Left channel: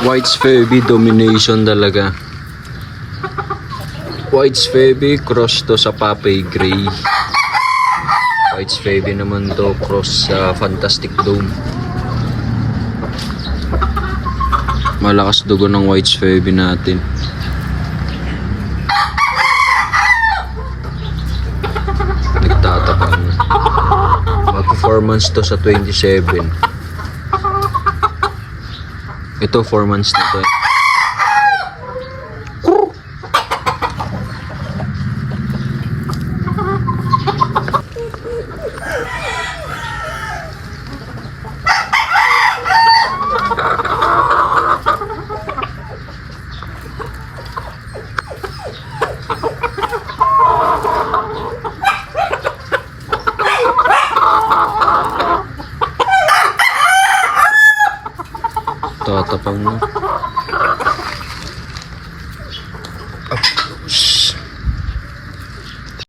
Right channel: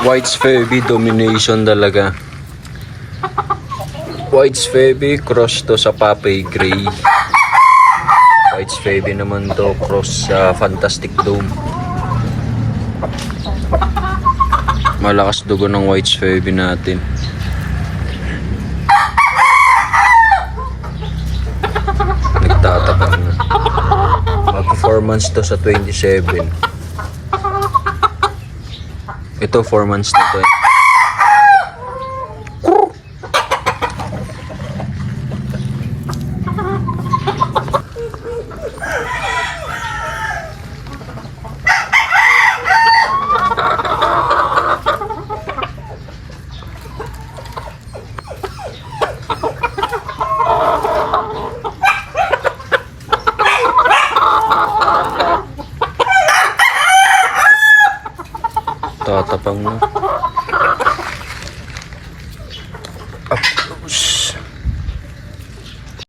White's Feby domination talaga. White's Feby cross to sa Papay Gray. White's Feby naman to cross sa Fantastic Dome. Malakas dugo ng White's Feby natin. Nagtatapang na. Mag-performance to sa 27. Ito 4 months na to eh. Tatapang na.